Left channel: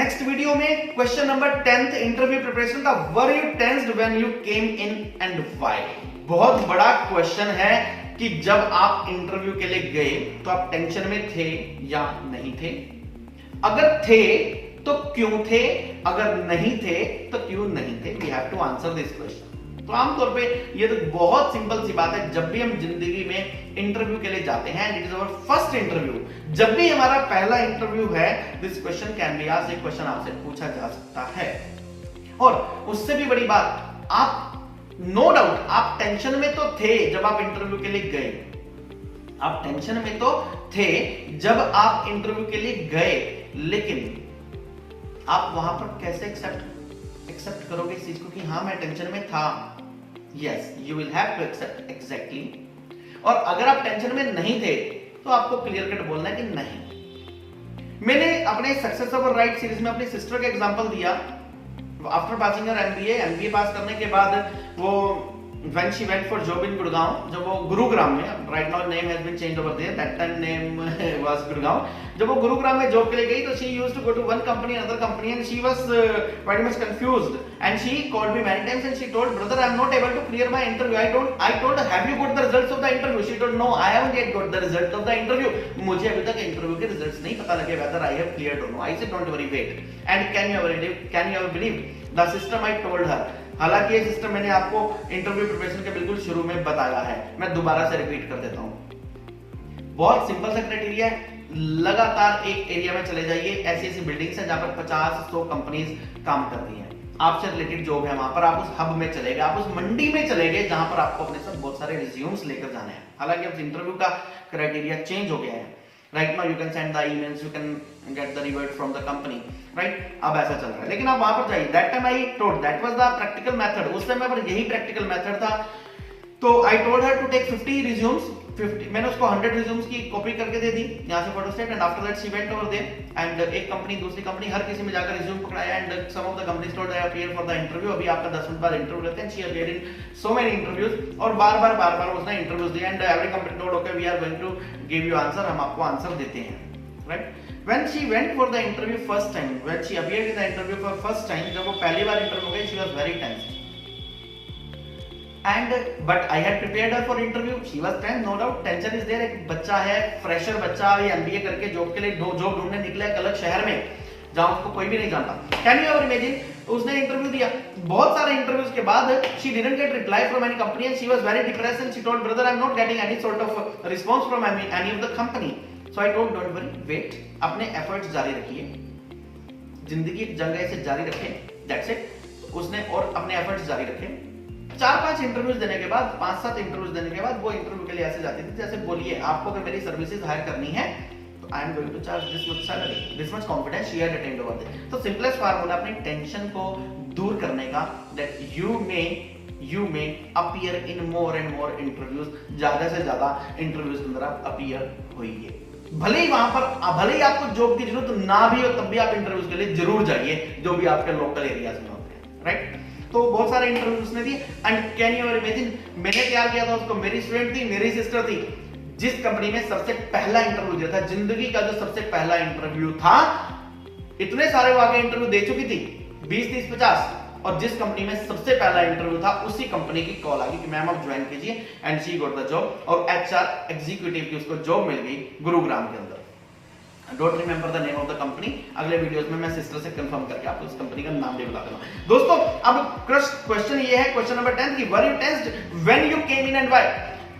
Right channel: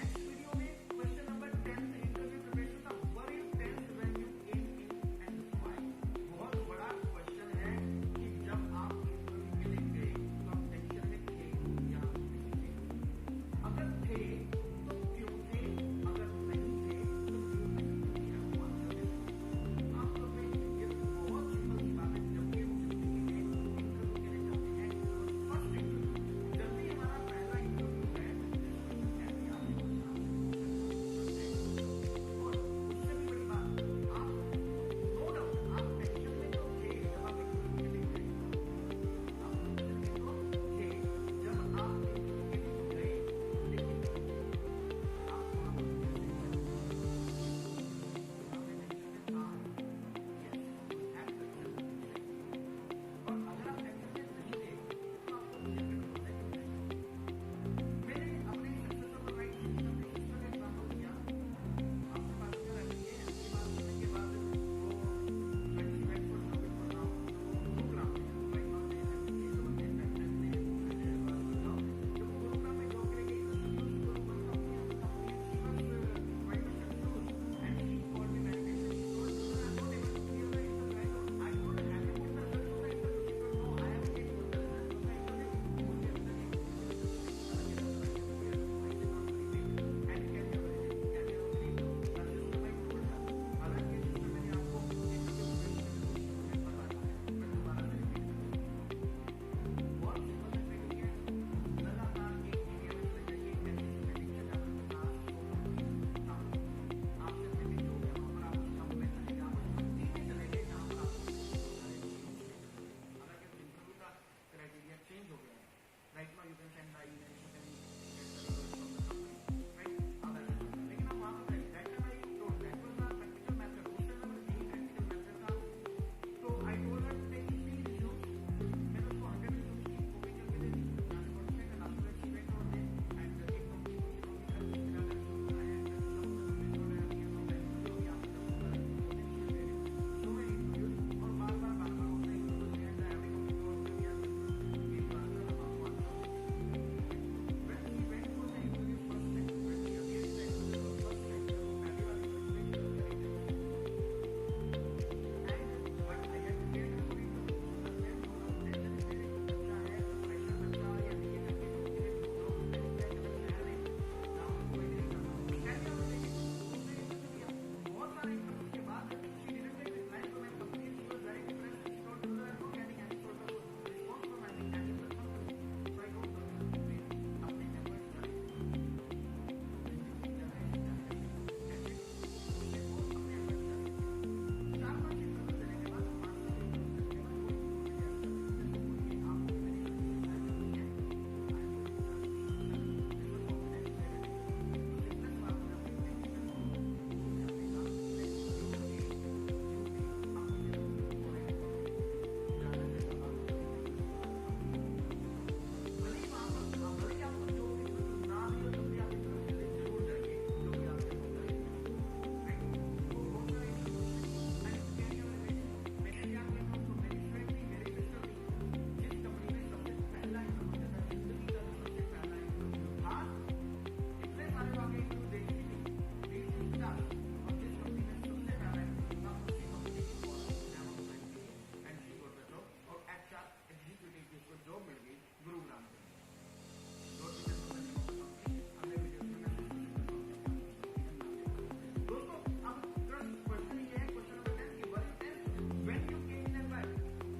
Next video में question number 10th interview preparation का, were you tensed when you came in and why. बहुत बड़ा question है कि जब आप इंटरव्यू के लिए गए तो आप टेंशन में थे या नहीं थे, अगर थे तो क्यों थे, अगर नहीं थे तो क्यों नहीं थे। We have to answer this question. तो आमतौर पे ये तो बहुत सिंपल सी बात है, जब भी हम जिंदगी में इंटरव्यू के लिए जाते हैं, it is our first interview, जब भी हमारा पहला इंटरव्यू है, this question can be asked, एक क्वेश्चन आपसे पूछा जा सकता है। और उससे भी बड़ी बात, आप नो डाउट आप टेंशन में तो थे जब आप इंटरव्यू के लिए गए, आप टेंशन में तो थे जब आप इंटरव्यू के लिए गए, लेकिन आप वहां पर कैसे एक्सेप्ट करोगे इस चीज को कि हाँ मैं टेंशन में था। Yes, you will have to accept exactly. और अगर आप टेंशन में नहीं थे तो आपको क्लियर कट बोलना है कि नहीं। मैंने अपने सक्सेस ओवर राइट सीरीज में अपनी सिस्टर का एग्जांपल दिया। आफ्टर पासिंग हर एमबीए पास करने के बाद वो when she went for job in Gurgaon, जब वो गुरुग्राम में, right now name has been changed over there, that time name was Gurgaon, जब वो गुरुग्राम में जॉब के लिए गई तो she used to go to one company another company and she was very much confused and she called me many times and she told, brother I am not able to clear my interview. I told her, have you got the results of the interview? She told, no I haven't yet got the result of the interview. मुझे अभी तक interview के results नहीं पता लगे whether I have cleared or no. I said don't worry, wait. And can you ever believe the system I told her. हालांकि ये system मैंने आपको इंटरव्यू प्रिपरेशन के बिल्कुल शुरू में बताया है, मैं दोबारा से रिपीट कर देता हूं। बहुत सिंपल सा क्राइटेरिया है, लगातार एक एरिया में चले जाइए, ऐसी बिल्डिंग्स हैं जहां पर 50-100 कंपनीज काम करती हैं, आपसे रिलेटेड जॉब है वहां पर, आप उस हब में चले गए, आप उस मंडी में चले गए जहां पर आपको अपने साथ बहुत सारे रिज्यूम्स लेकर जाने हैं। हालांकि अब इंटरव्यू का क्राइटेरिया चेंज हो गया है। Right now you can send the emails, you can get the revert from the company, right, अब ऐसा चल रहा है। लेकिन आप वहां पर जाइए, that time I told, that was the practical method, उस समय पर यही प्रैक्टिकल मेथड था। तो I told her to take 50 resumes, 50, मैंने उसको 100 रिज्यूम्स की कॉपी करके दे दी यहां से photostat, and after that she went over there and एक कंपनी दूसरी कंपनी हर किसी में जाकर रिज्यूम पकड़ाया, and some of the companies told I appear for the interview, अभी आपका 10 मिनट बाद इंटरव्यू लेते हैं। She appeared in so many interviews, और बार-बार उसने इंटरव्यूज दिए, and every company told okay we are going to give you answer, हम आपको आंसर देते हैं, right. When she went for the interview first time, when she appeared in the interview for first time, जब वो पहली बार interview गई, she was very tense. And but I had prepared her for interview. She was tense, no doubt. Tension is there. एक बच्चा है, fresher बच्चा, ये MBA करके जॉब के लिए जॉब ढूंढने निकला है एक अलग शहर में, जहाँ उसको कोई भी नहीं जानता। Can you ever imagine? उसने इंटरव्यू दिया, बहुत सारे इंटरव्यूज के बाद she didn't get reply from any company and she was very depressed and she told, brother I'm not getting any sort of response from any of the company. So I told, don't worry, wait, अपने efforts जारी रखिए, जिंदगी एक जंग है, इसे जारी रखें, that's it. उसने और अपने एफर्ट्स जारी रखे। 4-5 इंटरव्यूज देने के बाद, 5-7 इंटरव्यूज देने के बाद वो इंटरव्यू के लिए ऐसे जाती थी जैसे, बोलिए आपको अगर मेरी सर्विसेज हायर करनी है तो I am going to charge this much salary, this much confidence she had attend over this. तो सिंपलेस्ट फार्मूला अपनी टेंशन को दूर करने का, that you may appear in more and more interviews, ज्यादा से ज्यादा इंटरव्यूज के अंदर आप अपीयर होइए। भले ही वहां पर भले ही आपको जॉब की जरूरत ना भी हो, तब भी आप इंटरव्यूज के लिए जरूर जाइए, जो भी आपके लोकल एरियाज में होते हैं, राइट। तो बहुत सारे इंटरव्यूज उसने दिए, एंड कैन यू इमेजिन, मैंने क्या किया था उसको, मेरी स्टूडेंट थी, मेरी सिस्टर थी, जिस कंपनी में सबसे पहला इंटरव्यू दिया था, जिंदगी का जो सबसे पहला इंटरव्यू था, इतने सारे वो आगे इंटरव्यू दे चुकी थी, 20, 30, 50, और जिस कंपनी में सबसे पहला इंटरव्यू था, उसी कंपनी की कॉल आ गई कि मैम आप ज्वाइन कीजिए, and she got the job, और एचआर एग्जीक्यूटिव की उसको जॉब मिल गई गुरुग्राम के अंदर। Don't remember the name of the company, अगले वीडियोस में मैं सिस्टर से कंफर्म करके आपको उस कंपनी का नाम भी बता दूंगा। दोस्तों अब क्वेश्चन ये है, क्वेश्चन नंबर 10 की, वर you tensed when you came in and why.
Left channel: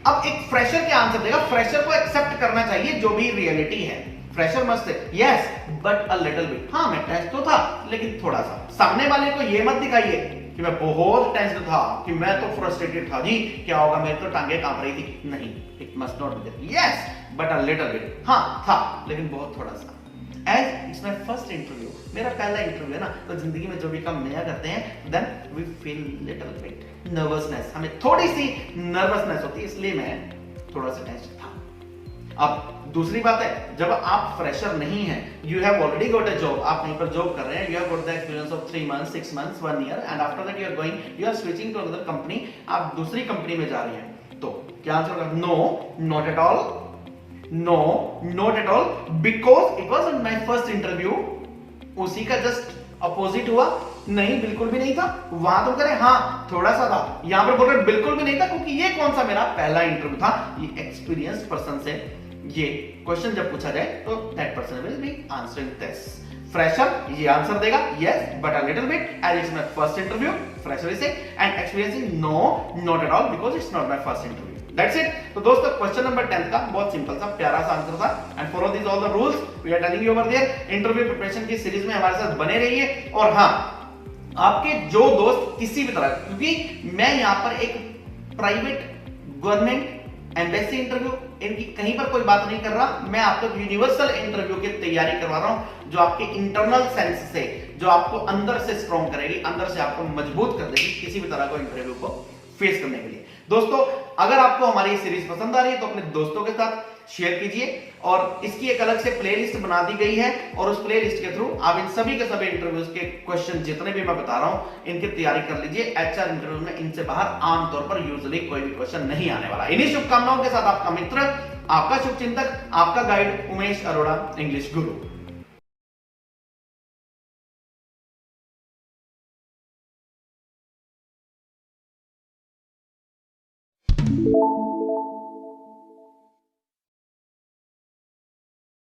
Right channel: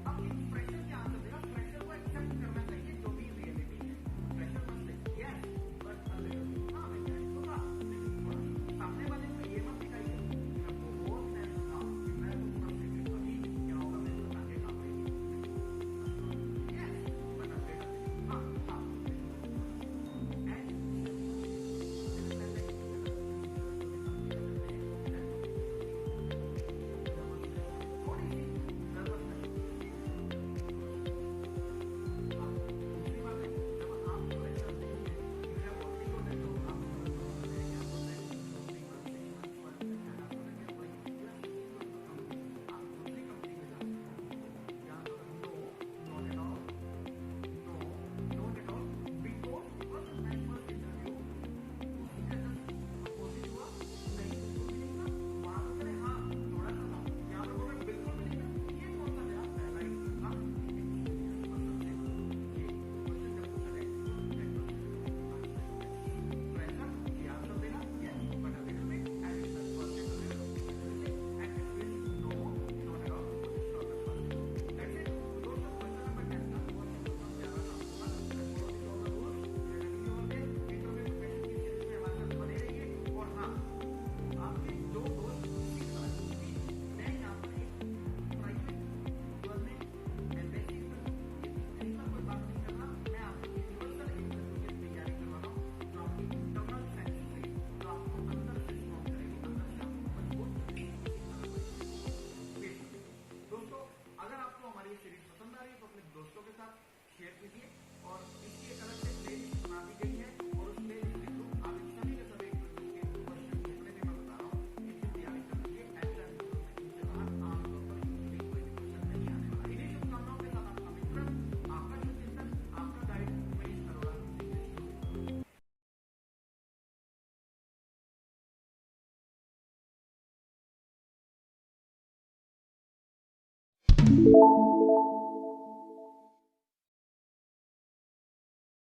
अब एक फ्रेशर क्या आंसर देगा, फ्रेशर को एक्सेप्ट करना चाहिए जो भी रियलिटी है, fresher must say yes but a little bit, हाँ मैं टेंस तो था लेकिन थोड़ा सा। सामने वाले को ये मत दिखाइए कि मैं बहुत टेंस था, कि मैं तो फ्रस्ट्रेटेड था जी, क्या होगा, मेरी तो टांगे कांप रही थी, नहीं, it must not be that, yes but a little bit, हाँ था लेकिन बहुत थोड़ा सा। As it's my first interview, मेरा पहला इंटरव्यू है ना, तो जिंदगी में जो भी काम नया करते हैं, then we feel little bit nervousness, हमें थोड़ी सी नर्वसनेस होती है, इसलिए मैं थोड़ा सा टेंस था। अब दूसरी बात है, जब आप फ्रेशर नहीं हैं, you have already got a job, आप कहीं पर जॉब कर रहे हैं, you have got the experience of 3 months, 6 months, 1 year, and after that you are switching to another company, आप दूसरी कंपनी में जा रहे हैं, तो क्या आंसर होगा, no, not at all, no, not at all, because it was my first interview, उसी का जस्ट अपोजिट हुआ? नहीं, बिल्कुल भी नहीं था। वहां तो करें हाँ थोड़ा सा था, यहां पर बोल रहे बिल्कुल भी नहीं था, क्योंकि ये कौन सा मेरा पहला इंटरव्यू था। ये एक्सपीरियंस पर्सन से ये क्वेश्चन जब पूछा जाए तो that person will be answering this. Fresher ये आंसर देगा yes but a little bit as it's my first interview, fresher से, and experiencing no not at all because it's not my first interview. That's it. तो दोस्तों question number 10 का बहुत simple सा प्यारा सा आंसर था, and follow this all the rules we are telling you over there. Interview preparation की series में हमारे साथ बने रहिए। और हाँ, आपके जो दोस्त किसी भी तरह, क्योंकि मैं यहां पर एक प्राइवेट गवर्नमेंट एम्बेसी इंटरव्यू इनकी कहीं पर कोई बात नहीं कर रहा, मैं आपको यूनिवर्सल इंटरव्यू की तैयारी करवा रहा हूं, जो आपके इंटरनल सेंस से, जो आपको अंदर से स्ट्रॉन्ग करेगी, अंदर से आपको मजबूत कर देगी किसी भी तरह को इंटरव्यू को फेस करने के लिए। दोस्तों अगर आपको हमारी सीरीज पसंद आ रही है तो अपने दोस्तों के साथ शेयर कीजिए, और इसकी एक अलग से प्लेलिस्ट बना दी गई है, और उस प्लेलिस्ट के थ्रू आप इन सभी के सभी इंटरव्यूज के क्वेश्चन जितने भी मैं बता रहा हूं इनकी तैयारी कर लीजिए। एचआर इंटरव्यू में इनसे बाहर आमतौर पर यूजुअली कोई भी क्वेश्चन नहीं आने वाला। इन्हीं शुभकामनाओं के साथ आपका मित्र, आपका शुभचिंतक, आपका गाइड उमेश अरोड़ा, इंग्लिश गुरु।